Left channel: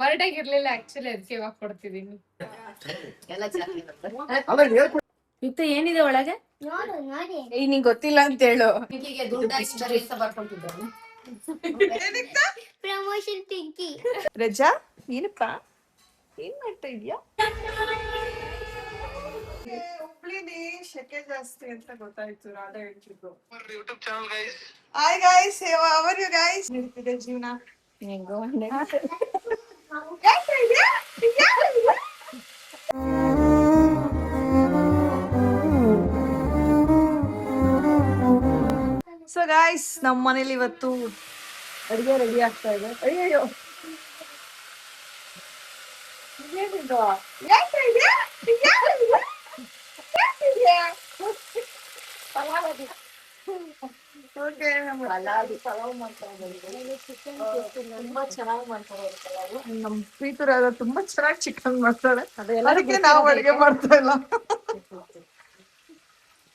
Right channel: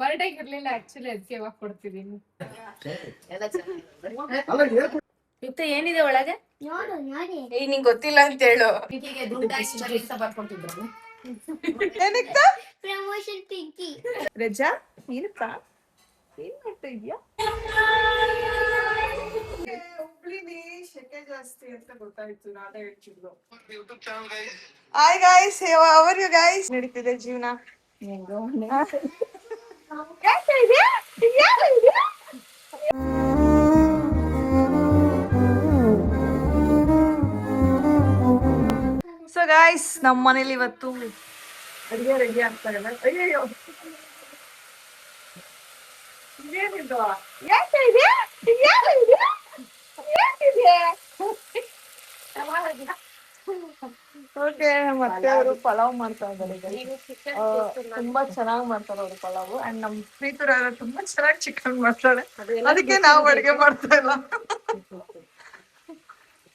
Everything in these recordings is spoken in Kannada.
ಬರ್ಡೇಗೆ ಇರ್ಲಿಲ್ಲ ಆಕ್ಚುಲಿ ಅದಕ್ಕೆ ಇವಾಗ ಕೊಡ್ತಿದೀನಿ. ಮತ್ತೆ ಏನಿದೆ ಒಳಗೆ? ಈಗ ನಿಂಗೆ ಗೊತ್ತಿಲ್ಲ ಅಂತ ಹೇಳು. ಪ್ರಮೋಷನ್ ಪಿಂಕಿ. ರಜಾ ಏನಪ್ಪ ಏನ್ ಮಾಡ್ತಾ ಇದ್ಯಾ? ಹುಬ್ಳಿಲಿ ಶೆಕೆ ಜಾಸ್ತಿ ಅಂತ ಗೊತ್ತಾಯ್ತು, ರಾಧಾ ಹೇಳ್ತಿದ್ರು. Hi guys, how are you guys? ನಡೀತಿದೆ ಜೀವನ ಹೆಂಗೋ ಸೊ ಗೈಸ್, ನಮ್ಮ ಮನೇಲಿ ಇವತ್ತು ಅಡಿಗೆ ರೆಡಿ ಆಗ್ತಾ ಇದೆ. ಅಯ್ಯಯ್ಯೋ ಇದೇನಿದು? ಯಾಕೆ ಇದೆ? ಓಕೆ, ಮತ್ತೆ ಪಲಾವ್ ಮಾಡ್ತಾ ಇದ್ದಾರೆ. ತುಂಬಾ ಚೆನ್ನಾಗಿ ಮಾಡ್ತಾರೆ ಅವರು ಪಲಾವ್. ಅಂಡ್ ನಮ್ ಪ್ರೀತುರ ತುಂಬಾ ಚೆನ್ನಾಗಿ ಚಿಕನ್ ಮಾಡ್ತಾಳೆ, ಅದಕ್ಕೆ ನಾವು ಅಡಿಗೆ ಮಾಡ್ತಾ ಇಲ್ಲ.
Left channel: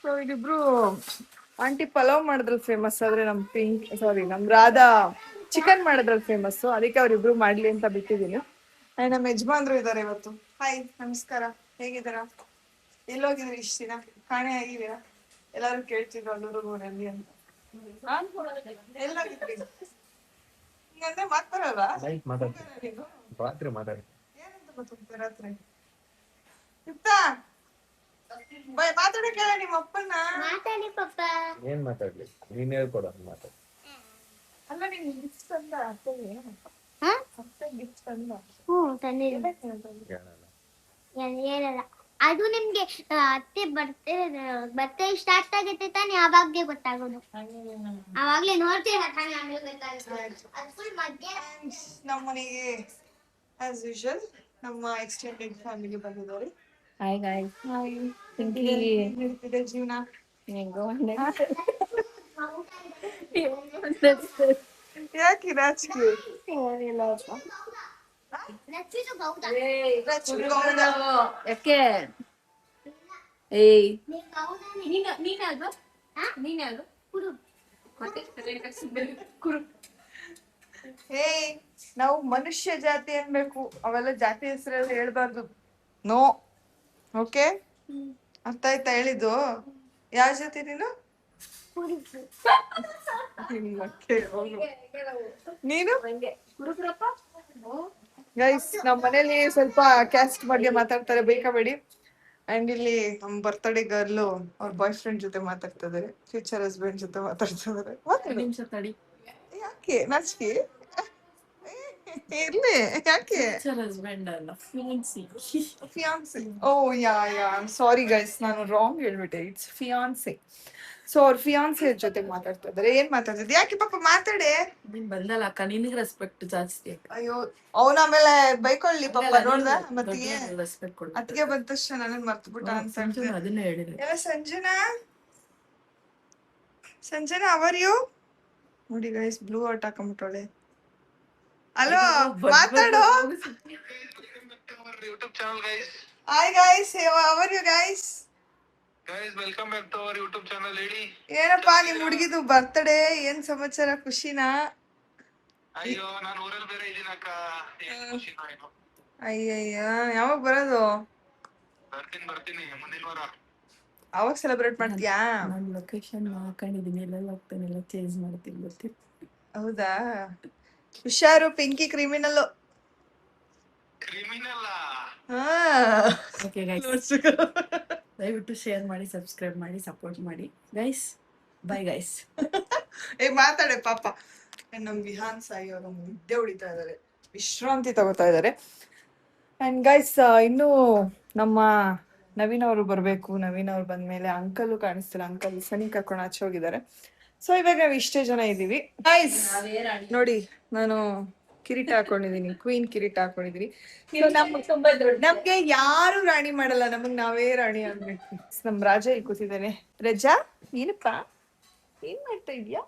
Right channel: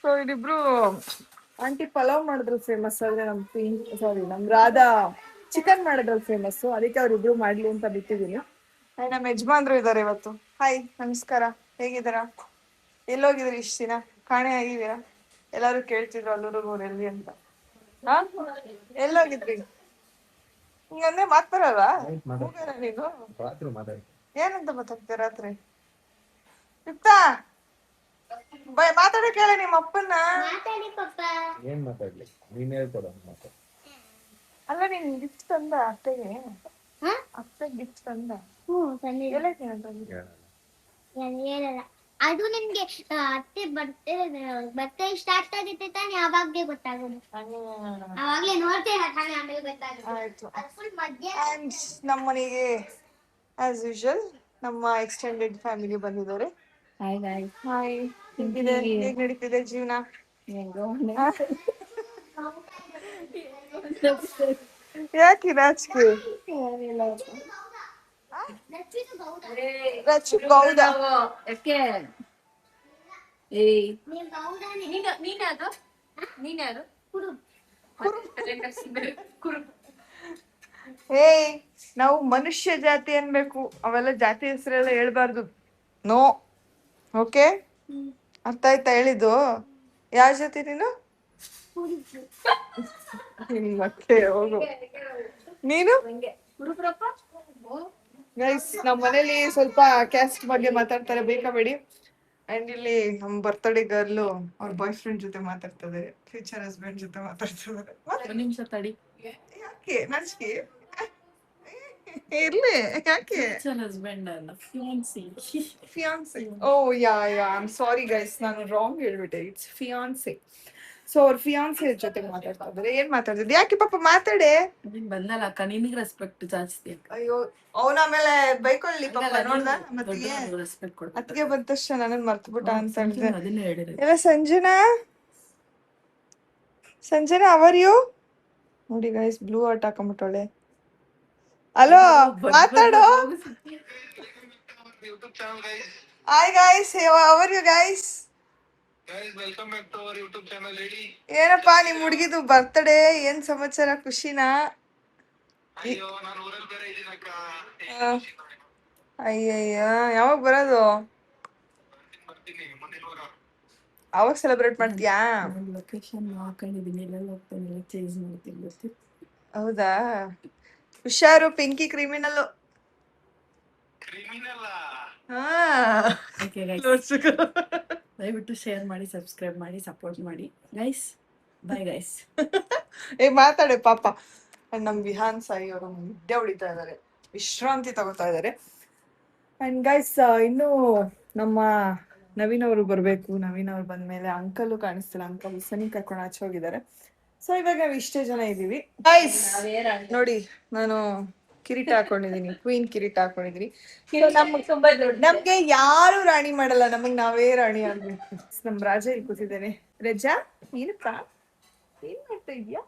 ಸೊ ಇಲ್ಲಿಬ್ರು ಆಂಟಿ ಪಲಾವ್ ಮಾಡಿದ್ರಲ್ಲಿ ಫೇಮಸ್ ಆದ್ರೆ ನಮ್ ರಾಧಾ ಚಿಕನ್ ಮಾಡಿದ್ರಲ್ಲಿ ಫೇಮಸ್, ಅದಕ್ಕೆ ಅವ್ರಿಬ್ರು ಮಾಡ್ಲಿ ಅಂತ ಬಿಟ್ಟಿದೀನಿ. ನಮ್ಮ ಯಜಮಾನ್ರು ಇದಾರೆ ಇವತ್ತು. ಹಾಯ್, ನಮಸ್ಕಾರ, ಹೇಗಿದ್ದೀರಾ? ಎಲ್ಲೋಗಿದ್ರಿ ಇಷ್ಟ ದಿನ? ಕಾಣೆ ಆಗಿದ್ದೀರಾ? ಎಲ್ಲಾರು ಕೇಳ್ತಿದ್ರು ಅಲ್ಲೂರು ಎಲ್ಲಿ ಅಂತ. ಎಲ್ಲೋಗಿದ್ರಿ? ಹಿಂಗಂದ್ರೆ ಮಾತಾಡಲ್ಲ ನೀನು? ಏನಂತ ಮಾತಾಡ್ತೀಯ ರಾತ್ರಿ? ಮಾತಾಡ ಕೇಳ ನಿಮ್ಮ ಅಪ್ಪನ್ನ. ಏನ್ ಮಾತಾಡ್ಲಿ, ನೀನ್ ಹೇಳ್ಕೊಡ ಮಾತಾಡ. ಅಲ್ಲ, ನೀನ್ ಗಿಫ್ಟ್ ತಂದ ಅತ್ತೆಗೆ? ಅತ್ತೆ ಗಿಫ್ಟ್ ತಂದ? ಹೇಳಲ್ಲ. ಅದು ನಿಮ್ಗೆ ಅತ್ತೆ ಬರ್ತೆ ಸ್ಟಾರ್ಟ್ ಆಗುತ್ತೆ ತಾನೆ, ಅವಾಗ್ಲೇ ಗೊತ್ತಾಗೋದು. ಅವಾಗ್ಲೇ ನೋಡ್ತೀರ ತಾನೆ, ಆಮೇಲೆ ಗೊತ್ತಾಗುತ್ತೆ. ನಮ್ಮ ಮನೆಗೆ ಆಸ್ ಯೂಶುವಲ್ ನಮ್ಮ ಎಕ್ಸ್ಟೆಂಡೆಡ್ ಫ್ಯಾಮಿಲಿ ಬಂದಿದ್ದಾರೆ. Hi guys. ಹಾಯ್, ಹೇಗ್ ನಡೀತಿದೆ ಜೀವನ? ಹೆಂಗೋ ಯಾಕೆ ನಾಚಿಕೆ? ರಚ್ಚು ಗೌಡ ಯಾಕೆ? ಏಯ್, ಏಯ್, ನಾವು ಮನುಷ್ಯ ಜಾತಿ ಅನ್ಬೇಕು, ಅವೆಲ್ಲ ಜಾತಿ ಹೆಸರೆಲ್ಲ ಹೇಳ್ಬಾರ್ದು. No, okay? ಅರ್ಥ ಆಯ್ತಾ ಹೇಳಿದ್ದು? ಯಾವ ಜಾತಿ ನೀನು? ಮತ್ತೆ ಹೋಗು. ನೀನು? ಗೈಸ್, ನಮ್ಮ ಮನೇಲಿ ಸ್ವಲ್ಪ ಕ್ಯಾಸ್ಟ್ ಬಗ್ಗೆ ಮಾತಾಡ್ತಾರೆ, ಬೇಕಬೇಡಿ. ಅಂಡ್ ಇಲ್ಲಿ ನಮ್ಮ ಬರ್ತ್ಡೇ ಗರ್ಲು ಅವ್ರ ಬಾಯ್ ಫ್ರೆಂಡ್ ಜೊತೆ ಮಾತಾಡ್ತಾ ಇದಾರೆ, ಫ್ಯೂಚರ್ ಹಸ್ಬೆಂಡ್ ಜೊತೆ ಮಾತಾಡ್ತಾ ಇದಾರೆ. ನಿಮಿಷ ತಡಿ. ಯಾಕೆ ನಾಚಿಕೆ? ಇರ್ಲಿ, ಯಾಕೆ? ಹಸ್ಬೆಂಡ್ ಅಲ್ಲ, fiance. Oh yeah, I am sorry guys, ನಾನು ರಾಂಗ್ ಹೇಳ್ಬಿಟ್ಟೆ. It's fiance. ಸೊ ಅವ್ರ ಫಿಯಾನ್ಸಿ ಜೊತೆ ಮಾತಾಡ್ತಾ ಇದಾರೆ. ಏನ್ ಮಾತಾಡ್ತಿದ್ದೆ? ಯಾಕೆ ಪಾಪ ಮಾತಾಡೆ. ನೀನ್ ಬಂದಲ್ಲ ಅಕ್ಕ, ನಿನಗೆ ರೆಸ್ಪೆಕ್ಟ್ ಜಾಸ್ತಿ. ಅಯ್ಯೋ, ಅವನ ಆಮೇಲೆ ಬೈಕೊಳ್ಳಿ ಪಾಪ. ನೋಡ್ದ ಮತ್ತೆ ರೆಸ್ಪೆಕ್ಟ್ ಕೊಡು. ಅತ್ತಿಗೆ ಬಂದ ತಕ್ಷಣ ನನ್ನ ಮರ್ತ್ಬಿಟ್ಟ ಅಂತ ಅದನ್ನೇ ಹೇಳಿದೆ. ಇಲ್ಲ ಸಂಜನಾ ಅವರ್ ಯು ನೋಡಿ ಗೈಸ್, ಬ್ಲೂ ಹಾರ್ಟ್ ಹಾಕೊಂಡ್ಬಿಟ್ಟವಳೆ. ಹಲೋ, ಮಾತಾಡೋ. Hi guys, how are you guys? Welcome back to our YouTube channel. ಹೇಳಿ, ಏನಪ್ಪಾ ನಿಮ್ ಹುಡುಗಿದು ಬರ್ತ್ಡೇ, ಏನ್ ಸಮಾಚಾರ? ಖುಷಿನಾ? ಅಯ್ಯೋ, ನಾನು ಊರಲ್ಲಿ ಬೇರೆ ಇದೀನಕ್ಕ. ಅಯ್ಯಯ್ಯ, ಯಾವಾಗ ಬರೋದು? ಬರ್ತೀನಿ ಮುಂದಿನ ವಾರ. ಅವಾಗ ಸೆಲೆಬ್ರೇಟ್ ಮಾಡ್ತೀಯಾ? ನಾನು ಲೊಕೇಶನ್ ಹಾಕೊಂಡಿದ್ದೀನಿ, ಎಲ್ಲ ಹೋಗ್ತಾನೆ, ಎಲ್ಲ ಚೇಂಜ್ ಮಾಡ್ತೀನಿ ಗೊತ್ತಿಲ್ಲ. ಹೌದಾ? ಹುಷಾರು, ಪಿಂಕಿ ಕ್ರಿಮಿನಲ್. ದಯವಿಟ್ಟು ಶೇರ್ ಮಾಡಿ, ಸಬ್ಸ್ಕ್ರೈಬ್ ಮಾಡಿ, ಸಪೋರ್ಟ್ ಮಾಡಿ ಗೈಸ್. Bye guys. ಮಾತಾಡೆ ಪಾಪ. ನಮ್ ವಿಹಾನ್ ಸಾಯಿ ಅವರು ನಿದ್ದೆ ಹೊಡಿತಾ ಇದಾರೆ, ವಿಶ್ರಾಂತಿ ತಗೋತಾ ಇದಾರೆ. ಅಂಡ್ ಗೈಸ್, ಇನ್ನು ನಮ್ಮ ನವೀನ್ ಅವರು ಬರ್ಬೇಕು. ನವೀನ್ ಅವ್ರು ಬಂದ್ಮೇಲೆ ಅಂಕಲ್ ಕಾಣಿಸ್ತಿಲ್ಲ, ಅಂಕಲ್ ಸನಿ ಕರ್ಕೊಂಡು ಆಚೆ ಹೋಗಿದ್ದಾರೆ. ಸೊ ಇವಾಗ ನಾವು ಇಷ್ಟೇ ಜನ ಇದೀವಿ ಗೈಸ್. ನೋಡಿ, ನಾನು ಕಿರೀಟ ಹಾಕೊಂಡಿದೀನಿ, ಕ್ವೀನ್ ಕಿರೀಟ ಹಾಕೊಂಡಿದೀನಿ. ನಮ್ಗೆ ಯಾರು ರಾಣಿ ಮಾಡಲ್ಲ, ನಮಗ್ ನಾವೇ ರಾಣಿ ಆಗ್ಬೇಕು. ನಮ್ ರಾಜ ಇಲ್ಲಿ ಕೂತಿದ್ದೇನೆ. ರಜಾ ಏನಪ್ಪ ಏನ್ ಮಾಡ್ತಾ ಇದ್ಯಾ?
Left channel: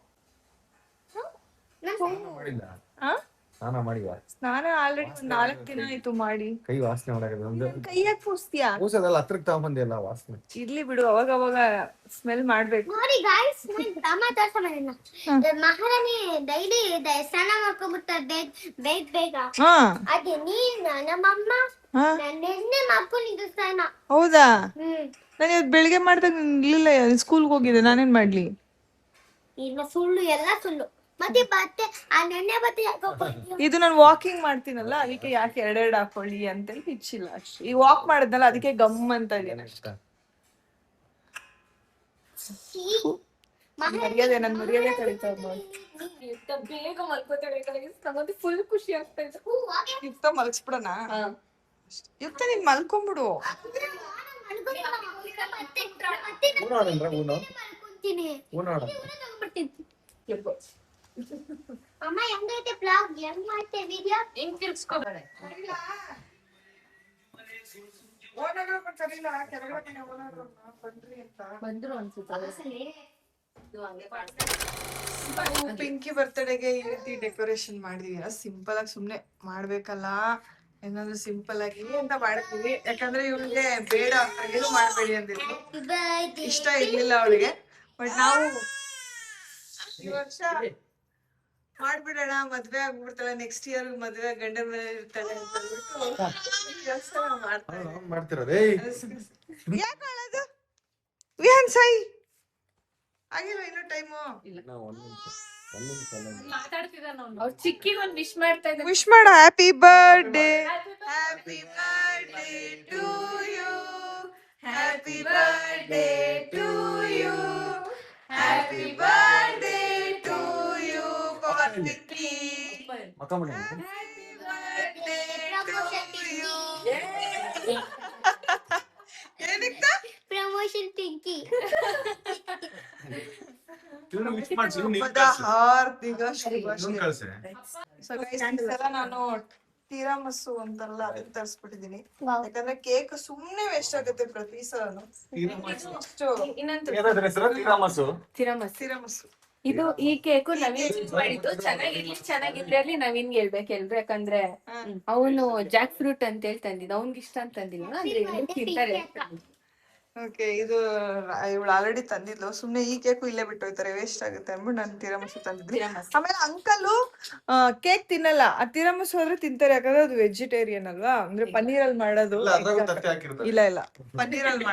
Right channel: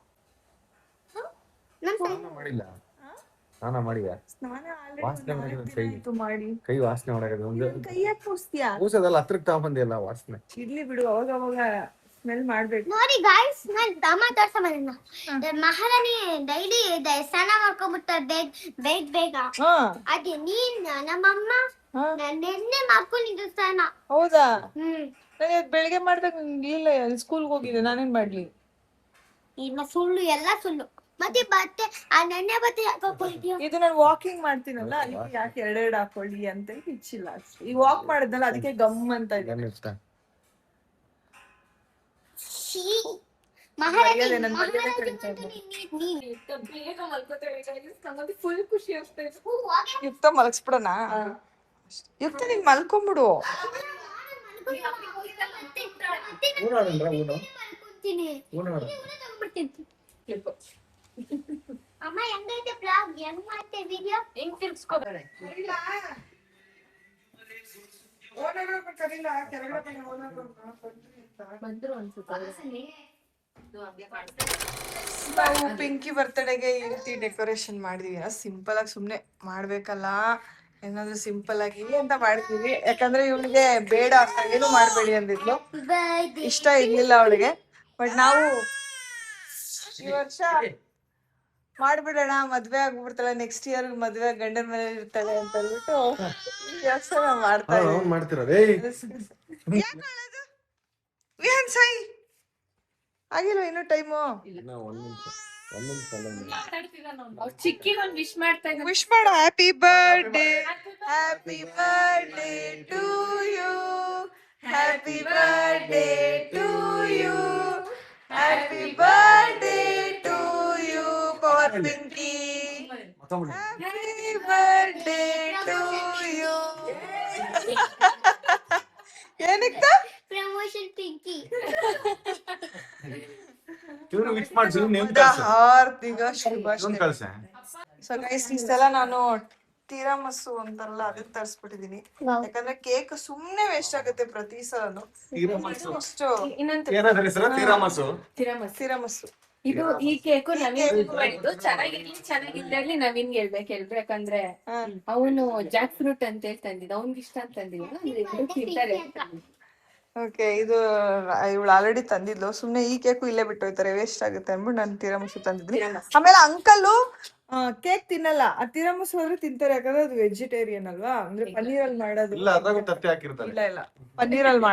ಸ್ನಾನ ಮಾಡಿಯಾ? ಸ್ನಾನ ಆಲ್ರೆಡಿ ಒಂದ್ 4 ದಿನ ಆಯ್ತು ಮಾಡಿ. ಕೈ ವಾಸನೆ ಮಾಡಕದ ಒಂದು ಕೈ ಯಾಕೆ ಪೂಸ್ತೀಯಾ? ಕೂಸದಲ್ಲ ಹತ್ರಕ್ಕೆ ತಗೊಂಬಂದಿಲ್ಲ ವಾಸನೆ. ಇರ್ಲಿ ಬಿಡು, ಅವಾಗ ಅವಾಗ ಸ್ಮೆಲ್ ಮಾಡ್ಬೇಕು. ನೋಡಿ ಗಾಯ್ಸ್, ನಾನ್ ತಮ್ಮ ತೋರ್ಸಮನ್ನ ಮಹಾರಾಣಿ ಡೈಲಿ ಸ್ನಾನ ಮಾಡ್ಕೊಂಡ್ಬಿಡ್ತಾರೆ ಬೇಗ ಬೇಗ. ಅದೇ ನಮ್ಮಮ್ಮ ನೆನ್ನೆ ಮಾಡ್ಕೊಂಡಿದ್ದು ಸ್ನಾನ. ಹೌದಾ? ನಾನು ಇವತ್ತು ಬೆಳಿಗ್ಗೆ ಮಾಡ್ದಾಗ ಇರ್ಲಿಲ್ಲ, ಸ್ಕೂಲ್ಗೆ ಹೋಗಿದ್ದೆ, ನಾನೇನ್ ಮಾಡ್ಲಿ? ಇನ್ನ ಸುಳ್ಳು, ಎಲ್ಲ ಸುಳ್ಳು. ಮತ್ತೆ ಬಟ್ಟೆ ಆ ನೆನ್ನೆ ಬಟ್ಟೆ ಹಾಕೋಕೊಂಡಿದ್ಯಾ? ಇದು ನಾನು ವಾಕಿಂಗ್ ಮಾಡ್ತೀನಲ್ಲ, ಅದಕ್ಕೆ ಯಾಕೆ ಎರಡೆರಡು ಹಾಕೊಳ್ಳಿ ಅಂತ ಇಚ್ಚಿಲ್ಲ ಅಷ್ಟೇ. ಈ ವಾಕ್ ಮಾಡಿದ್ನಲ್ಲ ಅದಕ್ಕೆ ಗಮ್ ಅಂತ ಇದೆಯಲ್ಲ. ಮರ್ಯಾದೆ, ನನ್ ಮರ್ಯಾದೆ ಕಳೀತಾ ಬೇಗ ಮಲ್ಕೋತಾಳೆ ನಮ್ಮದು ಫುಲ್ ಖುಷಿ ಆಗ್ತಾ ಇದೆ. ಯುಕ್ತ ಮಲಗಿಸ್ಬಿಡೋಣ? ಯುಕ್ತ ನೀನ್ ಮಲ್ಕೊಂಬಿಡು. ಅಮ್ಮ ಹೆಂಗೈತೆ ಬ್ಲಾಗ್, ಹೆಂಗ್ ಮಾಡ್ತೆ ವಿಡಿಯೋ, ಹೆಂಗ್ ತಿರ್ಸ್ಕೋಬೇಡ ಬಂದ್ರು ಅನ್ಸುತ್ತೆ. ನಾವು ಪಿಂಕಿ ಬರ್ತಡೆಗೆ ಈ ರೀತಿ ಡೆಕೋರೇಷನ್ ಮಾಡಿದೀವಿ. ಸಿಂಪಲ್ ಆಗಿ ಸುಮ್ನೆ ಮಾಡ್ಬೇಕಲ್ಲ, ಏನಾದ್ರು ಸಿಂಪಲ್ ಆಗಿ ಅಂತ ಮಾಡಿದೀವಿ. ಯಾಕಂದ್ರೆ ಇವಳಿಗೆ ಬೇಡ ಏನು ಮಾಡ್ಬೇಡಿ ಅಂದಿದ್ಲು, ಇಷ್ಟ ಇರ್ಲಿಲ್ಲ ಅವಳಿಗೆ. ಬಟ್ ನಾವು ಈ ವರ್ಷ ಮಾಡ್ಬಿಡೋಣ, ಮದ್ವೆ ಆಗ್ಬಿಡ್ತಾಳೆ, ನೆಕ್ಸ್ಟ್ ಇಯರ್ ಮದ್ವೆ ಗಂಡನ ಮನೆ ಇರ್ತಾಳೆ ಅಂತ ಹೇಳ್ಬಿಟ್ಟು ಈ ವರ್ಷ ನಾವು ಮಾಡ್ತಾ ಇದ್ದೀವಿ. ಆಗಿಲ್ಲ ಇನ್ನು ಟೈಮು. ಅವ್ರು ಚಿಕ್ಕಿಗೆ ಒಂದು ವಿಶ್ ಮಾಡ್ತಾ ಇದ್ದಾರೆ. ವಿಶ್ ಮಾಡ. Happy birthday, happy birthday to you, happy birthday to you, happy birthday to you for Pinki, happy birthday to you. ಏನಕ್ಕ ಪ್ರಮೋಷನ್ ಪಿಂಕಿ. ಹಾರ್ದಿಕ ಶುಭಾಶಯ. ಸೊ ಗೈಸ್, ಈ ಸಲ ನಾನು ತೀರಾಮಸ್ಸು ಅಂತಾರಲ್ಲ ಅದನ್ನ ತರಿಸ್ಬಿಟ್ಟಿದೀನಿ. ಯಾಕಂದ್ರೆ ಕೇಕ್ ಸುಮ್ನೆ ವೇಸ್ಟ್ ಆಗುತ್ತೆ ಪ್ರತಿ ಸಲನು. ತೀರಾಮಸ್ಸು ಇದು ಈ ಕೇಕು ನವೀನ್ ಮಾಡಿದ್ದು. ಚೆನ್ನಾಗಿರ್ಲಿ ನವೀನ್ಗೆ ಹೇಳ್ಬೇಕು ಯಾಕಂದ್ರೆ ಅವನು ಜಾಕ್ ಫ್ರೂಟ್ ಅಂತ ಹೇಳಿ ತಂದಿದ್ದ, ಅವ್ನ್ಗೆ ಇಷ್ಟ ಅಂತ ತಂದಿಲ್ಲ ಅಂದ್ರೆ ತಿಂತಾರೆ. ಓಕೆ, ಇದು ಇವಳು ಆಲ್ರೆಡಿ ತಂದಿದ್ಲು. ಸುಮ್ನೆ ಈ ಕೇಕು ಇಲ್ಲೇ ಬಿಟ್ಟು ಹೋಯ್ತಾರೆ, ವೇಸ್ಟ್ ಆಗುತ್ತೆ ಅಂದ್ಬಿಟ್ಟು ನಾನು ತೀರಾಮಸ್ಸು ತಂದಿದ್ವಿ. ಆಮೇಲೆ ಅಂಕಲ್ ಕೇಕ್ ತಿನ್ನಲ್ಲ, ಆ ತೀರಾಮಸ್ಸು ಹೋದ್ರೆ ತಿಂತಾರೆ. ಯಾಕಂದ್ರೆ ಅದು ವೆಜಿಟೇರಿಯನ್ ಅಲ್ವಾ, ಅಂದ್ರೆ ಪನ್ನೀರಲ್ಲಿ ಮಾಡೋದು. ಇಲ್ಲ ಇಲ್ಲ, ಪನ್ನೀರಲ್ಲಿ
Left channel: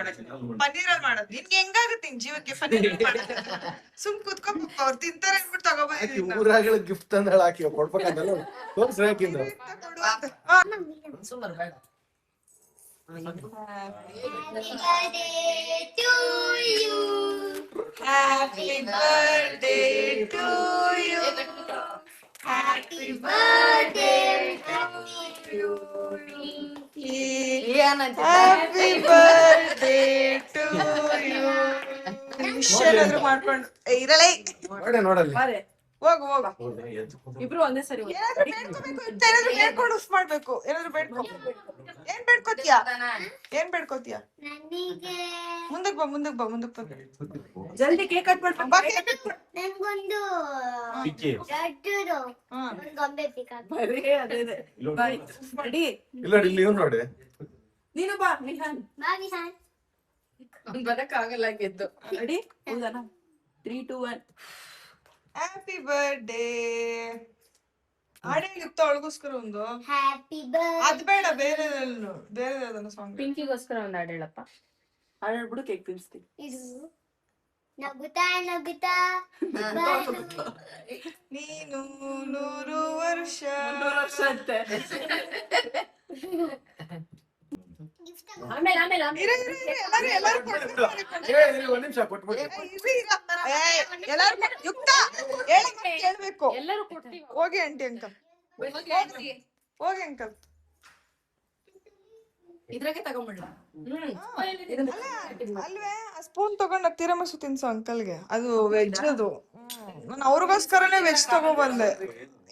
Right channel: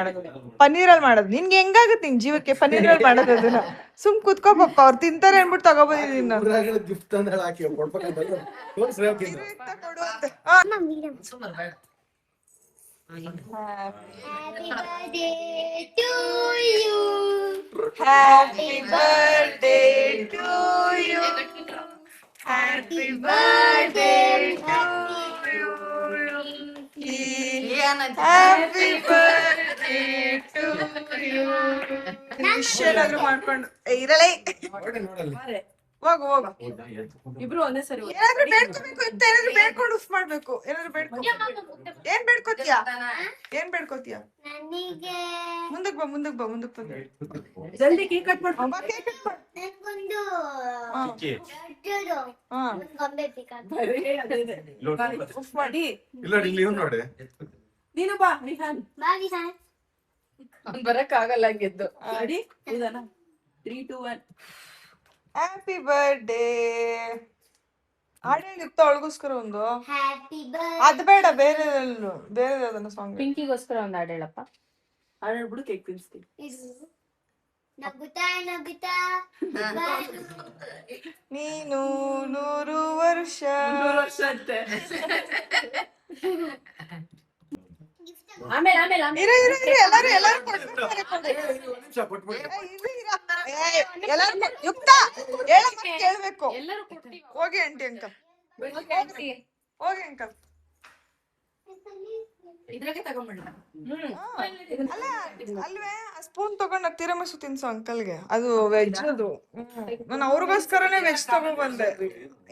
ಮಾಡೋದು ನಿನ್ಗೆ ಹೆಂಗಾಗುತ್ತೆ ನಿನ್ ಜೀವಕ್ಕೆ ಪನ್ನೀರಲ್ಲಿ ಮಾಡೋದು? ಅದನ್ನ ಸುಮ್ ಕುತ್ಕೋ ಪಪ್ಪ, ಅವ್ರು ತಿಂತಾರೆ ಅನ್ಬಿಟ್ಟು ತಗೋಬಂದಿದ್ದೀನಿ ನಾನು. ಗಿಫ್ಟ್ ಅಂದ್ರೆ ಹಾಕಿ ಕೊಡ್ಬೇಕಂತ Happy birthday to you, happy birthday to you, happy birthday to you. Wish ಏನಾದ್ರು ಮಾಡ್ಕೊಂಡು ಇರಲೇ ನೋಡಲ್ಲಿ ಹೋಗು ಹೋಗು. ಇಬ್ರು ಒಂದೇ ಸರಿ ಏನಾದ್ರು ಬೇಡ್ಕೋಬೇಕು ಅಂತ, ಏನಾದ್ರು ಬೇಡ್ಕೊಂಡು ಉಫ್ ಮಾಡ್ಬೇಕು. ಏನಾದ್ರು ಬೇಡ್ಕೊ. ಏನ್ ಬೇಡ್ಕೋತೀಯಾ? ನನಗೆ ಮುಂದಕ್ ಬಾ ಬಾ. ಜಲ್ದಿ ಕೇಕ್ ಕಟ್ ಮಾಡ್ಕೊ. ನಂಗೊಂದು ದೊಡ್ಡದು ಗೊಂಬೆ ಬೇಕಾಗ್ತದೆ. ಉಫ್ ಮಾಡಿ. ನೋಡಿ ನೀನು ಬಾ ವಿಹಾನ್. ಬಾಗಿ ಸರ್, ಅವ್ನು ಬರಕ್ ಆಗಲ್ಲ ಗೆದ್ದು. ರೆಡಿ? ಹೌದಾ? 3, 2, 1. Happy birthday. ಹಾಡೇಳಿ ಯುಕ್ತ ಅವಳಿಗೋಸ್ಕರ ಒಂದು. Happy birthday. ಅದು ಬೇಡ, ಬೇರೆ ಯಾವ್ದನ್ನ ಸಾಂಗ್. ಪಿಂಕಿಗೋಸ್ಕರ ಒಂದು ಹಾಡೇಳಪ್ಪ. ಹಾಡ್ಬಿಡು, ಕೇಕ್ ತಿನ್ಸ್ತೀನಿ. ಇದು ನಗುತ್ತಾ ನಗುತ್ತಾ ನೀನು 100 ವರ್ಷ ಅಂತೆ. ಆಮೇಲೆ ಎಲ್ಲಾರು ಯುಕ್ತ ಕೇಳ್ಬೇಕು. ಎಲ್ಲರೂ ಕೊಟ್ಟಿ ಹೋಗಿ ಆಂಟಿ ಅಂಕಲ್, ಹೋಗಿ ಅಂಕಲ್. ಇದ್ರಾಗೆ ತಗೊಂಡ್ಬಿಡ್ಲ. ಅಲ್ವೇ ಆ ಸ್ಪೂನ್ ತಗೊಂಡ್ ತೀರಾಮಸ್ಸು ತಿನ್ಸು ಅಂಕಲ್ಗೆ. ಅದು ವೆಜ್ ಅದು. ನಾನು ಅವ್ರಿಗೋಸ್ಕರನೇ ವೆಜ್ ತಗೊಂಡ್ಬಂದೆ.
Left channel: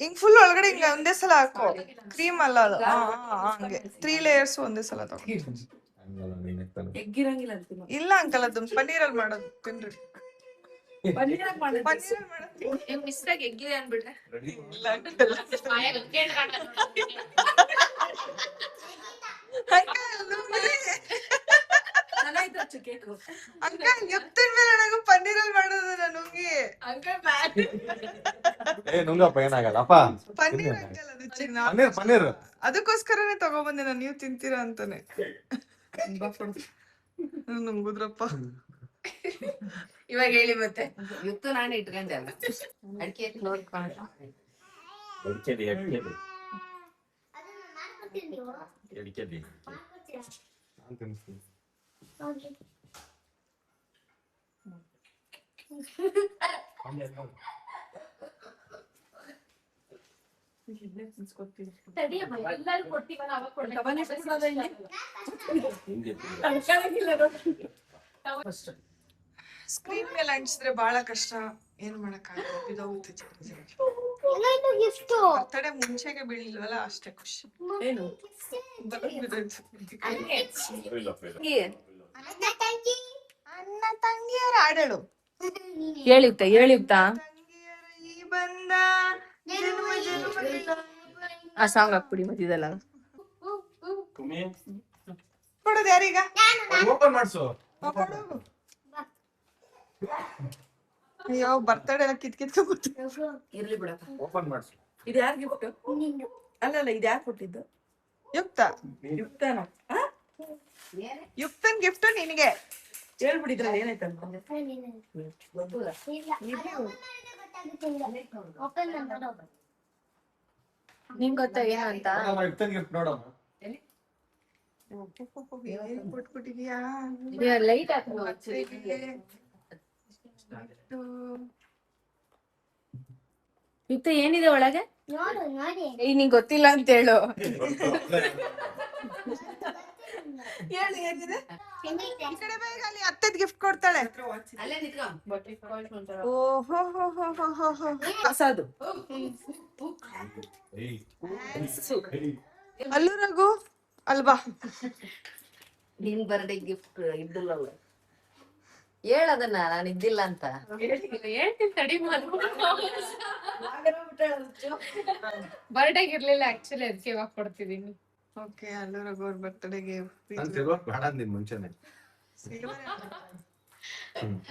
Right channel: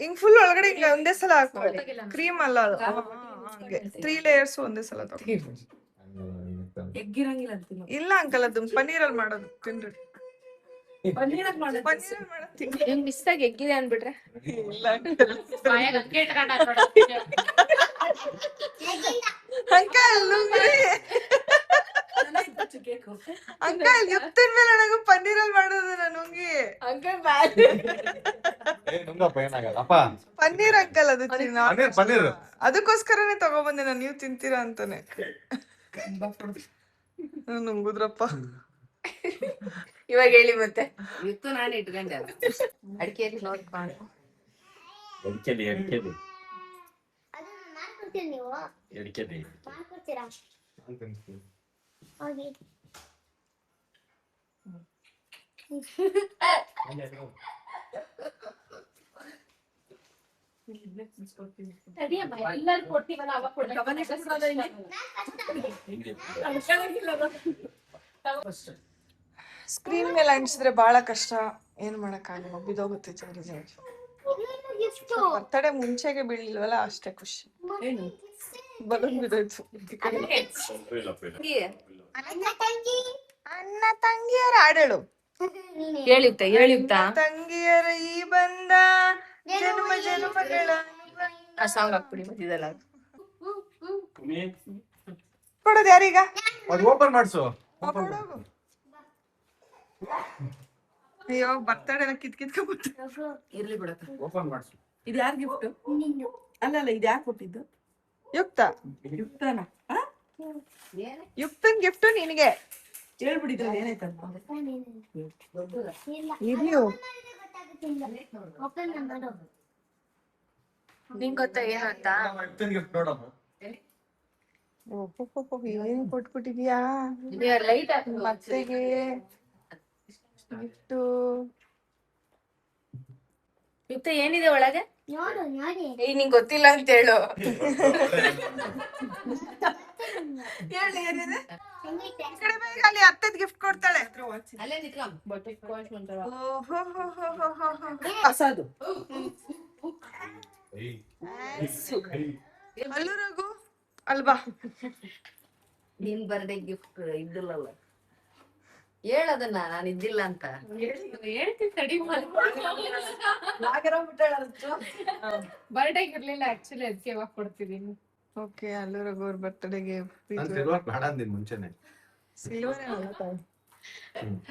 ಹಿಂಗ್ ಫುಲ್ ಒಳಗಡೆ ಹಿಂಗ ಒಂದೇ ಸಲ ಹಾಕು. ಕ್ರೀಮ್ ಅಲ್ಲ ಅದು, ಹಂಗೆ 3 ಲೇಯರ್ಸ್ ಒಂದೇ ಸಲ ತಗೊಂಡು. ಎಗ್ಗಿರಂಗಿಲ್ಲ ಅಂತೀನಿ. ಇಲ್ಲ ಅಂಕಲ್, ಅದು ಪನ್ನೀರಲ್ಲಿ ಮಾಡೋದು, ತಿನ್ರಿ. ಪನ್ನೀರಾಗ್ ಮಾಡೋದು. ಪನ್ನೀರ್ ಮಾಡತ್ತೀನಿ. ನಿಮ್ ಮಿಸ್ ಆಗಿ ಎಗ್ಗಿದೆ ಅನ್ಬಿಟ್ರೆ ಇಲ್ಲ ಅಂಕಲ್ ಚೆನ್ನಾಗಿತ್ತು ಕೇಕು. ಅಂಕಲ್ ಯುಕ್ತನ್ ಮೇಲೆ ನಂಗೆ ಪನ್ನೀರಲ್ಲಿ ಮಾಡೋದು ನನಗೆ ಅಂಕಲ್ ಬ್ಯಾಡ್. ಏ ನುಂಗಪ್ಪ ಏನಾಗಲ್ಲ ಅಪ್ಪ. ಪನ್ನೀರ್ ಅಂಕಲ್ ಅದು ಚಿನ್ನ ಪನ್ನೀರ್ ಅದಕ್ಕೋಸ್ಕರನೇ ತಗೊಬಂದೆ ನಾನು, ನೀವು ತಿಂತೀರಾ ಅಂತಾನೆ. ನುಂಗುದ್ರಪ್ಪ. ಇವಾಗ ಹೇಳಿ ಮತ್ತೆ. ಇವತ್ತು ನಾನು ಇಟ್ಕೊಂಡೆ ಅಲ್ಲ ಅಡಿಕೆ ನೋಡ್ಕೊಂಡು ಅದನ್ನ ಮಾಡ್ಕೊಡ್ತೀರಿ ನೀವು ಮಾಡ್ಕೊಡ್ತೀರಾ ಹೋಗಿ ಎಲ್ಲರೂ ಕೊಡ್ತೀವಲ್ಲ ಅವಾಗ ಸ್ಕ್ರೀನ್ ಮೇಲೆ ಅಂಟಿಸಿದ್ರೆ ಬಹಳ ಕಷ್ಟ, ಏನ್ ಮಾಡಕ್ಕಾಗಲ್ಲ, ಬಿದೋಗುತ್ತೆ ಜಲ್ದಿ ಜಲ್ದಿ. ಎಲ್ಲಾಯ್ತು ಗಿಫ್ಟ್ ಬರ್ತಡೆ ಮುಂಚೆಗೆ ಬೀಳಿಲ್ವಲ್ಲ ಅಷ್ಟೇ ಖುಷಿ. ಏನು ಬಲೂನ್ ಬಿದ್ದೋಯ್ತು. ಅಣ್ಣ ತಂಗಿಯರ ಹಾಡೇಳು. ಹೇಳಿತ್ತ ಹೇಳಿತ್ತ ತಂಗಿಯರ ಈ ಬಂದ ಜನ್ಮ ಜನ್ಮಗಳ ಆ ಸಾಂಗ್ ಹಾಕ್ಬಿಡಿ ಮತ್ತಿದೆಲ್ಲ. ಕೊಡೋದು ಯಾರೀಗ? ಓಪನ್ ಮಾಡ್ಸು. ಅಯ್ಯೋ ಬರ್ತಡೆ ಎಲ್ಲ ಕಿತ್ಕೊಂಡ್ಬಿಟ್ಟು. ಇರ್ಲಿ ಬಿಡಕ್ಕ. ಓಪನ್ ಮಾಡ್ಸು. ಇದು ಯಾರ್ ಗಿಫ್ಟ್? ಅಲ್ಲ ಇದು ಯಾರು ಕೊಟ್ಟಿದ್ದು? ಯುಕ್ತ ಯುಕ್ತನ. ಯುಕ್ತನ್ ಗಿಫ್ಟ್ ನಿನಗೆ. ಹೇಳ್ಬಿಡಿದ್ರಲ್ಲಿ ಏನಾಯ್ತಂತ. ನಿಂಗ್ ಗೊತ್ತಾ ಏನು ಅಂತ? ಇರ್ತೇನೆ ಗಿಫ್ಟ್ ನೋಡಮ್ಮ. ಏನ್ ಕೊಟ್ಬಿಟ್ಟಿದ್ಯಾ ಲೈಟ್ ಮತ್ತೆಗೆ ಗಿಫ್ಟು? ಯುಕ್ತ ಏನಿದೆ ಒಳಗೆ? ನೋಡು ನೋಡಿ ಈಗ ನಿಂಗ್ ಗೊತ್ತಿಲ್ಲ ಅಂತ ಹೇಳು. ಏನಿದೆ ಹೆಂಗೈತೆ ಈ ಕಡೆ ಬೇಗ, ಅಲ್ಲಿ ಅತ್ತೆದ್ ಗಿಫ್ಟ್ ಕೊಡ್ತಾಳೆ. ಅಲ್ಲೇ ಹೊಸದು ಅಲ್ಲೂ ರಘು ಅಲ್ವಾ? ನಿನ್ ಬರ್ಡೇ ಗಿಫ್ಟ್ ಇದ್ದಿಲ್ಲಲ್ಲ, ಹೇಳದನ್ನ ನಾನು ಇದ್ದಿಲ್ಲ ಅಂತ. ಹೇಳ್ತೀನಿ ತಡಿ. ಬರ್ಡೇಗೆ ಇರ್ಲಿಲ್ಲ ಆಕ್ಚುಲಿ, ಅದಕ್ಕೆ ಇವಾಗ ಕೊಡ್ತಿದೀನಿ. ಓಕೆ, ಅಲ್ಲೂ ರಘು ಅವ್ರ ಬರ್ತಡೆಗೆ ನಾನು ಸಿಲ್ವರ್ ಬೇಡ ಅಂದಿನ್ ಮುಂಚೆನೆ.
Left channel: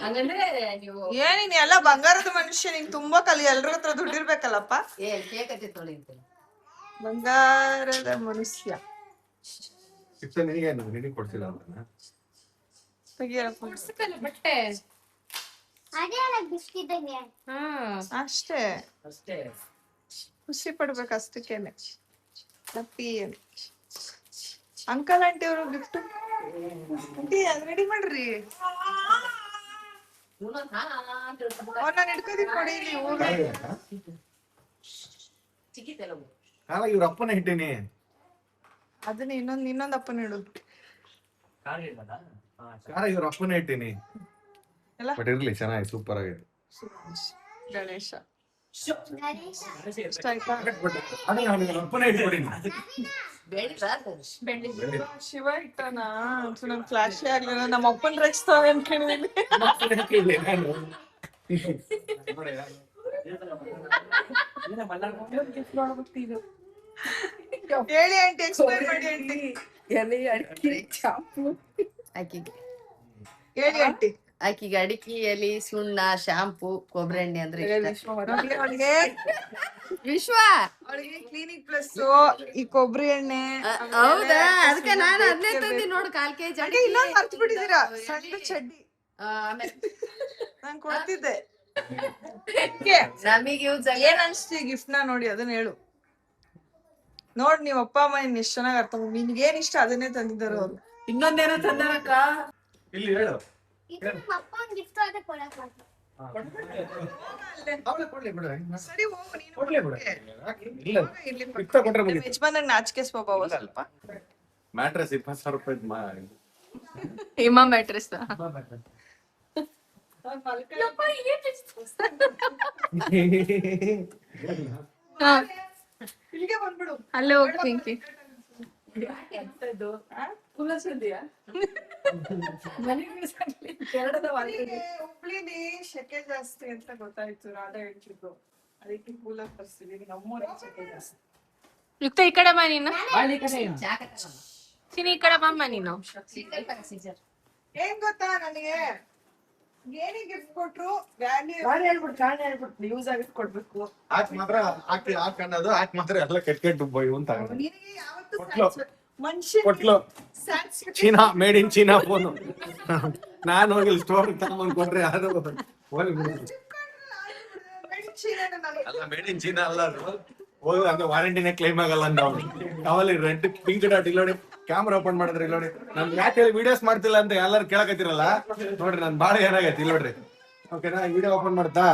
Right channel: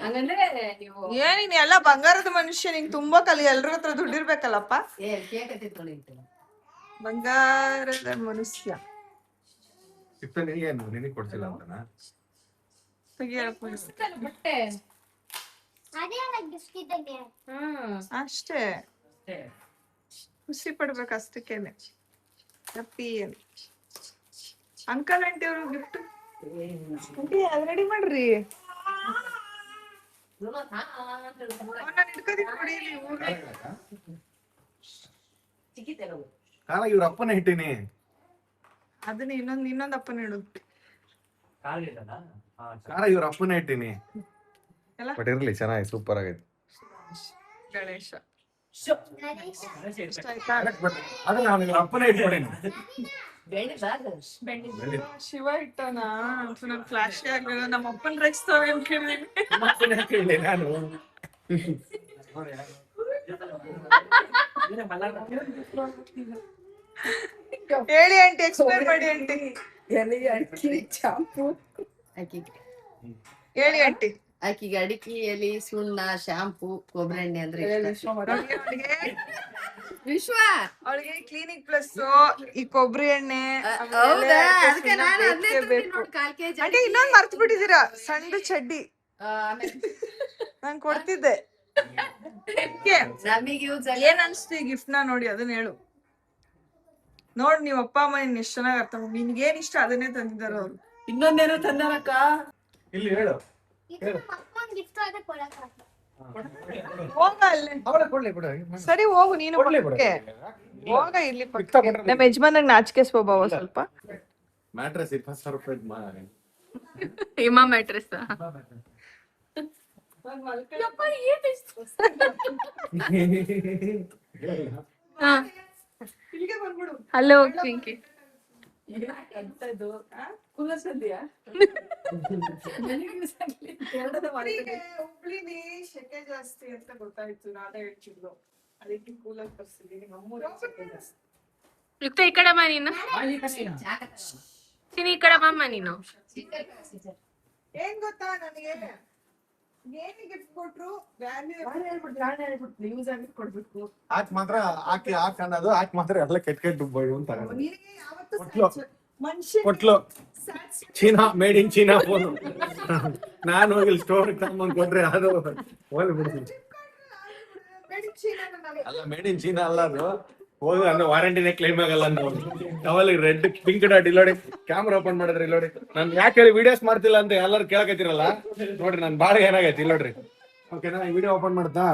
ಹಂಗಂದ್ರೆ ನೀವು ಏನಿನ್ ಎಲ್ಲ ಬಂಗಾರದ ಮನುಷ್ಯ, ನಿಂಗ್ ತುಂಬಾ ಕಲಿ, ಎಲ್ರ ಹತ್ರ ದುಡ್ಡಿರ್ಬೇಕಲ್ಲಪ್ಪ. ಕೇಕ್ ಹತ್ತಿ ತೊಳಿತೀನಿ. ಬಂಗಾರದ ಮನುಷ್ಯ. ಇಷ್ಟ ನಿನಗೇನು ನಿನಗೆ ಕೊಡ್ಸಿಲ್ಲ ಅಂತನಾ? ತೆಗಿಯಪ್ಪ. ಬಟ್ಟೆ ಅದೇ ಗಿಫ್ಟ್ ಇದ್ದಂಗೆ ಅಷ್ಟೇ, ಖುಷಿ ಪಡ್ಬೇಕು ಅಷ್ಟಕ್ಕೇನೆ. ಹ್ಯಾಪಿ ಅಂಕಲ್ ಆಂಟಿ ಅವರು ಗಿಫ್ಟ್. ಆಂಟಿ ಅದ್ ರೆಡಿ ಮಾಡ್ರಿ. ನಾನು ಹಿಡ್ಕೋದಿಕ್ ಕೊಡಿ ಇಲ್ಲಿ ಹೋಗಿ. ಕಾಲ ಇವ್ರ ಅಪ್ಪನ ಇಟ್ಟಿನಿ. ಅದನ್ನ ಇನ್ನೊಂದ್ ಅಪ್ಪನ ಇಡು. ಕಾರ ಇವ್ರ ಅಪ್ಪನ ಇಟ್ಟಿನಿ. ಎಲ್ಲ? ಬಟ್ ಇರ್ಲಿ, ಚೆನ್ನಾಗಿ ಸೂಪರ್ ಆಗಿದೆ. ಗಣೇಶ ಗಣೇಶ ಇಷ್ಟ ಆಯ್ತಾ? ಬಟ್ ಅದನ್ನ ನಾನು ಇವ್ರ ಅಪ್ಪನ ಇಟ್ಬಿಟ್ಟಿನಿ. ಶಿವ ಇಟ್ಟನಾ? ನನ್ ಫ್ಲಾಶ್ ಆಗ್ಲಿಲ್ಲ, ನಮ್ಮ ಅಪ್ಪನ್ ರಚಿಸ್ತಾವೆ ಅಂತ ಕೇಳಿದೀನಿ. ಅಪ್ಪನ ಕೇಳಿ ನಾನು. ಹೇಳಿ ಆಂಟಿ, ಎಕ್ಸ್ಪ್ಲೈನ್ ಮಾಡಿ ಆಂಟಿ. ಎಲೆ ಅಡಿಕೆ ಚಾಂಪು ಆಕಿಗೆ ಹೇಳಿ ಆಂಟಿ. ಆಕಿಗೆ ಅಡಿಕೆ ಎಲಿ, ಸುಣ್ಣ, ಶಾಂಪು, ಕೊಬ್ಬರಿ ಎಣ್ಣೆ ಅಂದ್ರೆ ಇಷ್ಟ. ಅವಳಿಗೆ ವಿಶ್ವ ಅವಳಿಗೆ ಕ್ಲಿನಿಕ್ ಪ್ಲಸ್ ಈ ಕೊಬ್ಬರಿ ಎಣ್ಣೆ ಹೌದಾ? ಅದಕ್ಕೆ ನಾನು ಅದನ್ನೇ ತಂದಿ ನೋಡು, 1/4 kg ಆಂಟಿ. ಇನ್ನೊಂದ್ ಮರ್ತು ಬಿಟ್ಟಿದ್ದೀರಾ, ಸಣ್ಣ ಚಡ್ಡಿ ಆಮೇಲೆ ನಾನ್ ಕೊಡ್ತಿದ್ದೆ. ನಮಗೆ ಯೂಸ್ ಏನ್ ಅನ್ಸ್ತು ಈ ಗಿಫ್ಟ್ ನ ನೋಡಿ, ಅದನ್ನ ಹೇಳು. ನೋಡ್ ನೀವ್ ಅಪ್ಪ ಅಮ್ಮ ನಿನ್ ಎಷ್ಟ್ ಚೆನ್ನಾಗ್ ಅರ್ಥ, ನಿನ್ಗೇನ್ ಇಷ್ಟ ಅದನ್ನೇ ತಂದಿದ್ದಾರ ಅವ್ರು. ಇನ್ನೊಂದೇನೋ ತಂದಾರಕ್ಕ. ಇಲ್ಲಿ ಹೇಳು. ಇದು ನಮ್ಮ ಅಪ್ಪ ಒಂದು ಗಿಫ್ಟ್ ಆದ್ರೆ ಕೊಡಕ್ಕೆ ಹೋಗ ಅಲ್ಲಿ. ಅವಳೆ ಕೊಡ್ಲಿ ಬಿಡು. ಸರಿ ಹೋಗು ನೀನು ಕೊಡ್ಲಿ ಬಿಡು. ಪಕ್ಕಕ್ಕೆ. ಇಲ್ಲ. ಹೋಗ ಇಲ್ಲಿ ಇಷ್ಟ ಪಕ್ಕಕ್ಕೆ. ಕೊಟ್ರೆ ನಮ್ಮ ಯಜಮಾನಾಗ ನಾಚಿಕೆ ಸ್ವಭಾವ ಸ್ವಲ್ಪ. ಮ್ಯಾಟ್ರೆಸ್ 20,000 ರೂಪಾಯಿ ಹಿಮ ಮ್ಯಾಟ್ರೆಸ್. ಇಲ್ಲಿಗೆ ಬಂದ್ಬಿಡು. ಹಲೋ ಪಿಂಕಿ. ಕುಲಸದ್ಯಾ ಹುಬ್ಳಿಲಿ ಶೆಕೆ ಜಾಸ್ತಿ ಅಂತ ಗೊತ್ತಾಯ್ತು, ರಾಧಾ ಹೇಳ್ತಿದ್ರು, ಅದಕ್ಕೆ ಕೂಲರ್ ತರಿಸಿದೀವಿ. ನಮ್ಮೂರಲ್ಲಿ ಶೆಕೆ ಜಾಸ್ತಿ. ಯುಕ್ತ ಈ ಕಡೆ ಬಾ ನೀನು, ಸಿನಿ ಈ ಕಡೆ ಬಮ್ಮ ನೀನು. ಏನ್ ಗೊತ್ತಾ ನನಗೆ, ಏನೇ ಗಿಫ್ಟ್ ಕೊಟ್ರು ವ್ಯಾಲ್ಯೂ ಯೂಸ್ ಆಗಿ ಕೊಡ್ಬೇಕು. ಆಕ್ ಮಾತ್ರ ಆಕ್ ಅನ್ನೋದು ಆಕ್ ಮಾತ್ರ ಎಲ್ಲ ಕೆಟ್ಟ ಇವ್ನು ತಗೊಂಡು ನಿನಗೆ ಯಾವತ್ತೂ ಕೊಟ್ಲು. ಮನುಷ್ಯ ಕೊಟ್ಲು China, made in China phone. ನಾನು ಹೋಗಿ ಸ್ಟೋರ್ ತಗೊಂಡ್ ಕೊಟ್ರೆ ಅದು ಹೋಗ್ಲಿ ಬಿಡ್ತೀನಿ. ಅಲ್ಲ ಮೇಡ್ ಇನ್ ಚೀನಾ ಅಲ್ಲ ಅದು, ಹೋಗಿ ಅಂದ್ರೆ ವಾರಂಟಿನೇ ಕ್ಲೈಮ್ ಆಗಲ್ಲ ನಾವು. ಅವಲ್ಲಿ ರೆಡ್ ಪಿಂಕ್ ಡಾಟ್ ಇಲ್ಲೋಡಿ, ಕ್ಯಾಮ್ರಾ ಓಪನ್ ಮಾಡಿದ್ರೆ ಇಲ್ಲೋಡಿ. ನಾನು ಯಾಕೆ ಹೇಳಿ ವಿಡಿಯೋಸ್ ಮಾಡ್ತಿಲ್ಲ ಅಂತ ಎಲ್ಲರೂ ಕೇಳಕತ್ತಿರಲ್ಲ, ನೋಡ್ರಿ ನನ್ ಬಾಡಿ ಏನಾಗೈತಿ ಇಲ್ಲೋಡ್ರಿ. ಓಕೆನಾ, ವಿಡಿಯೋ ಓಪನ್ ಮಾಡ್ತಾ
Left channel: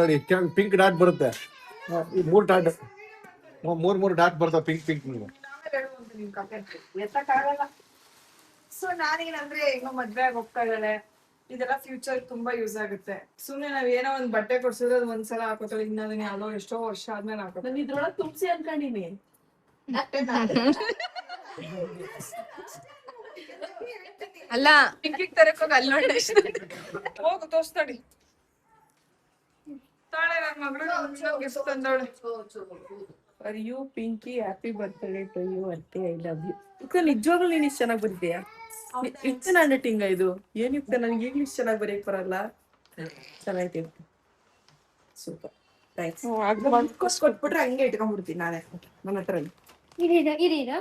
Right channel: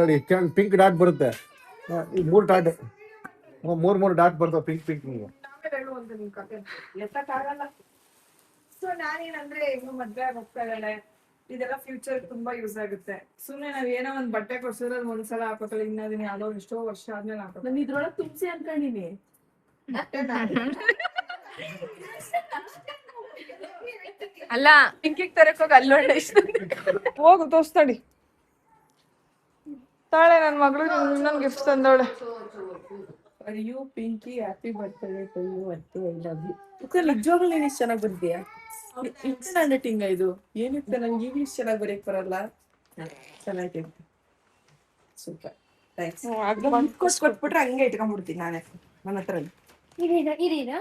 ನೋಡಿ ಪಿಂಕ್ ಡಾಟ್ ಬರುತ್ತೆ, ಈ 3 ಡಾಟ್, 3 ಡಾಟ್ ಬರ್ತಾವ ಪಿಂಕ್ ಪಿಂಕ್. ನೀವು ಎತ್ತಕ್ಕಾಗಲ್ಲ. ಸೊ ನಾನೇನಂದ್ರೆ ಈಗ ಮದ್ವೆ ಆಗಿ ಹೋಗ್ತಾ ಇದ್ದಾಳೆ, ಇದೆಲ್ಲ ಫ್ಯೂಚರ್ ತುಂಬಾ ಯೂಸ್ ಆಗುತ್ತೆ. ಸುಮ್ನೆ ನಾವ್ ಏನೋ ಒಂದ್ ಬಟ್ಟೆ ಕೊಡ್ಸಿದ್ರೆ ಅದು ಒಂದ್ಸಲ ಹಾಕೋತಾಳೆ, ಇನ್ನದನ್ನ ಯಾವ್ದೋ ಎಷ್ಟೋ ವರ್ಷ ಆದ್ಮೇಲೆ ಹಾಕೋತಾಳೆ. ನಾನು ಇದ್ರೊಳಗ್ ತುಂಬಿಸಿ ಅನ್ಕೊಂಡಿನಿ. ಅಲ್ಲ ಪಿಂಕಿಗ್ ತರಕ್ ಹೋಗಿ ಅಲ್ಲಿ ನೋಡಿ ಹೋಗು ತೋರ್ಸ್ತಾಡಿ. ತಾಳೆ ನನ್ ಮಗಳು ಇನ್ನೊಂದ್ ಗಿಫ್ಟ್ ತಂದವಳೆ. For you Pinky, happy birthday to you ಅಂತೆ, ಐ ಲವ್ ಯು. ನಿಜವಾಗ್ಲೂ ನೀನ್ ಇಷ್ಟು ಚೆನ್ನಾಗಿ ಬರ್ತೀಯಾ? ಇಷ್ಟು ನನ್ನ ಟಿಂಗ ಇದು ಏನಿತ್ತು, ನನಗೆ ಈಗಲೂ ಇಷ್ಟು ಚೆನ್ನಾಗಿ ಬರೆಯಕ್ ಬರಲ್ಲ. ಚೆನ್ನಾಗಿ ಸೂಪರ್, ಥ್ಯಾಂಕ್ಸ್. ಕೊಟ್ಬಿಟ್ರೆ ಹಂಗೆ ಇಟ್ಕೊಂಡ್ಬಿಡ್ತೀನಿ ನಾನೇ ನನ್ನ ಹತ್ರ. ಇರೀರಾ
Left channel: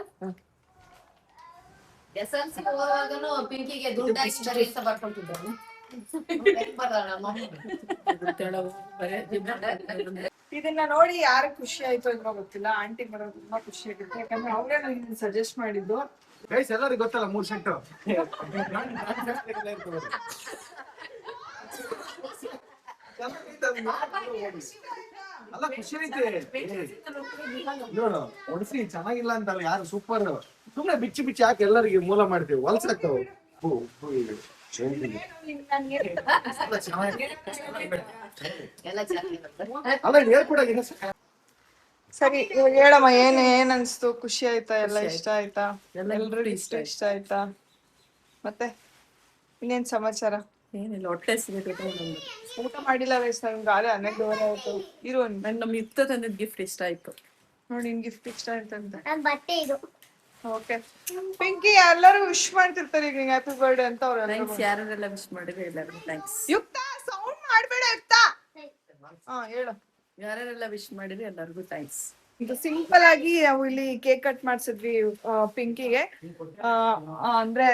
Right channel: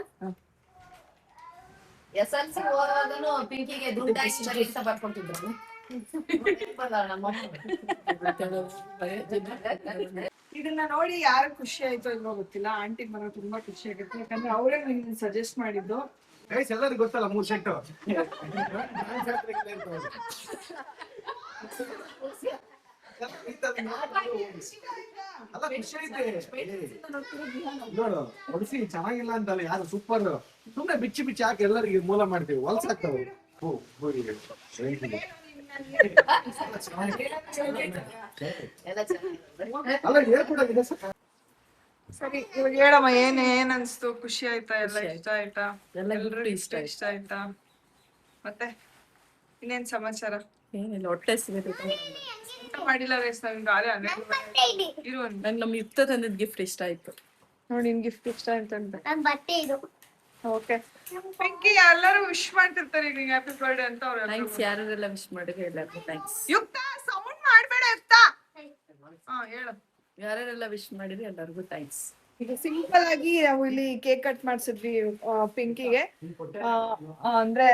SLC ಹೋಗುವಾಗನು ಪಿಂಕಿಗೆ ದುಡ್ಡು ಹಾಕಿ ಬರೀ ಅಂತ ಬರ್ಕೊಟ್ಟಿದ್ದಾನೆ. ಇದನ್ನ ನೋಡಿ ಯಾರು ಖುಷಿ ಆಯ್ತು ಇಲ್ವೋ ಗೊತ್ತಿಲ್ಲ, ಆಂಟಿ ಬರೋ ತುಂಬಾ ಖುಷಿ ಆಗುತ್ತೆ. ಯಾಕಂದ್ರೆ ಅವರೇ ನನಗೆ ಸಜೆಸ್ಟ್ ಮಾಡಿದ್ದು. ಗೈಸ್ ಎಲ್ಲರಿಗೂ ಗೊತ್ತಲ್ಲ 3 ಸೆಟ್. ಅಲ್ಲ ಖುಷಿ ಐತೆ ನೋಡು, ಒಡಿಸಿ ಚೆನ್ನಾಗಿಲ್ಲ ಅಂತಲ್ಲ ಯಾರು, ಸೂಪರ್. ಸುಮ್ನೆ ಬಿಚ್ಚಿ ಬಿಚ್ಚಿ ಹಾಕಿ ಎಲ್ಲರಿಗೆ ಮೂಲ ಮಾಡ್ತೀವಿ, ಹೊಲ್ಸಾಕ್ತಾವ. ಎಲ್ಲ ಚೆನ್ನಾಗಿದೆ. ಅಲ್ಲ ಹೇಳ್ಕೊಡಾಗಿದೆ. ಸರಿ ಇವಾಗ ಹೇಳಮ್ಮ, ಏನ್ ಅನ್ಸ್ತು? ಖುಷಿ ಆಯ್ತಾ? ಎಲ್ಲ ಇಷ್ಟ ಆಯ್ತಾ? ಎಲ್ಲರೂ ಇಷ್ಟ ಆಯ್ತಾ? ಮತ್ತೆ ಇನ್ನೇನ್ ಸಮಾಚಾರ? ಏನಿಲ್ಲ, ಹೊಟ್ಟೆ ಸಿಗುತ್ತೆ. ಊಟ ಮಾಡಿಲ್ಲ ವಯಸ್ಸು, ನನ್ಗೆ ಗಾಳಿ 12:30 ಆಯ್ತು. ಇರು ನಂಗೆ ನಮ್ಮ ಯುಕ್ತ ತಂದಿದ್ ಗಿಫ್ಟ್ ಇಷ್ಟ ಆಯ್ತು. ನೋಡಿ, ನಿನ್ ಗಿಫ್ಟ್ ಇಷ್ಟ ಆಯ್ತಂತ. ನನ್ ಬಟ್ಟೆ ಇದು. ಓಕೆ ಪಿಂಕಿ, ಎಲ್ಲರೂ ವಿಶ್ ಮಾಡ್ತಿರ್ತಾರೆ ಈಗ ನಿಂಗೆ ಹ್ಯಾಪಿ ಬರ್ಡೇ ಅಂತ. ಥ್ಯಾಂಕ್ಸ್, ಯಾರೆಲ್ಲ ವಿಶ್ ಮಾಡಿದ್ರೆ ಎಲ್ಲರಿಗೂ ಥ್ಯಾಂಕ್ಸ್. ಯುಕ್ತ ಸೌಂಡ್ ಮಾಡ್ಬೇಡ ಯುಕ್ತ. ಹೇಳು. ಯಾರೆಲ್ಲ ವಿಶ್ ಮಾಡಿದ್ರೆ ಎಲ್ಲರಿಗೂ ಥ್ಯಾಂಕ್ಸ್. ಇದು ಸಿಂಪಲ್ ಆಗಿ ನಾವು ಇಲ್ಲಿ ಕೇಕ್ ಕಟ್ ಮಾಡ್ಸಿದ್ವಿ ಪಿಂಕಿಗೆ. ಅಂದ್ರೆ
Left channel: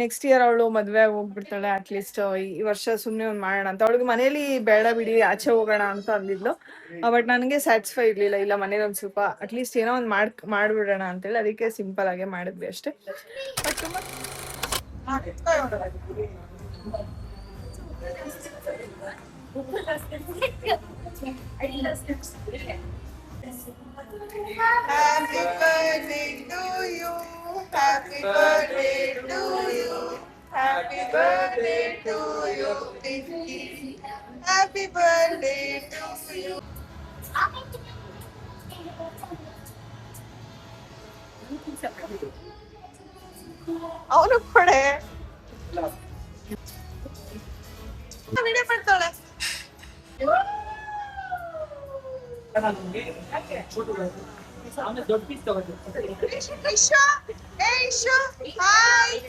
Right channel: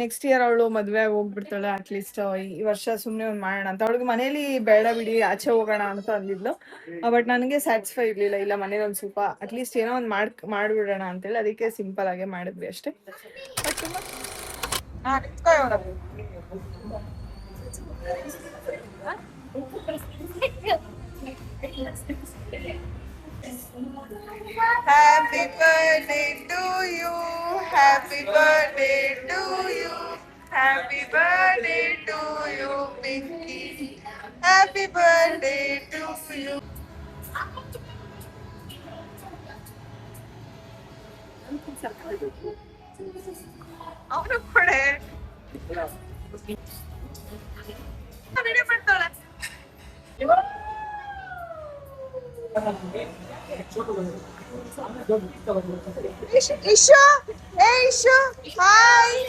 ನೆಕ್ಸ್ಟ್ ಇಯರ್ ಅವಳು ಮದ್ವೆ ಹೋಗ್ಬಿಡ್ತಾಳೆ, ಅಟ್ಲೀಸ್ಟ್ ಈ ವರ್ಷ ಸುಮ್ನೆ ಒಂದ್ ಮಾಡೋಣ ಅಂತ. ಅವಳಿಗೆ ಮನೇಲಿ ಬೇಡ ಬಿಡಿ ಆಚೆ ಹೋಗೋಣ ಅಂತ ಅಂದಿದ್ಲು. ಬಟ್ ನನಗೆ ಸ್ಯಾಟಿಸ್ಫೈ ಇರ್ಲಿಲ್ಲ, ಇಲ್ಲ ಮನೇಲಿ ಒಂದ್ ಸ್ವಲ್ಪ ಅಟ್ಲೀಸ್ಟ್ ಏನೋ ಒಂದ್ ಮಾಡ್ಬಿಡೋಣ ಅಂತೇಳಿ, ಅದಕ್ಕೆ ಸಿಂಪಲ್ ಆಗೇ ಮಾಡಿದ್ವಿ ಅಷ್ಟೇ. ಬಟ್ ತುಂಬಾ Happy birthday to you, happy birthday to you, happy birthday to you, Pinky, happy birthday to you. ಅವನು ಕೊಡೆ ವಿಡಿಯೋ ಮಾಡ್ತಾಳೆ. ಇಶು, ಏ ಇಶು, ಹಾಯ್.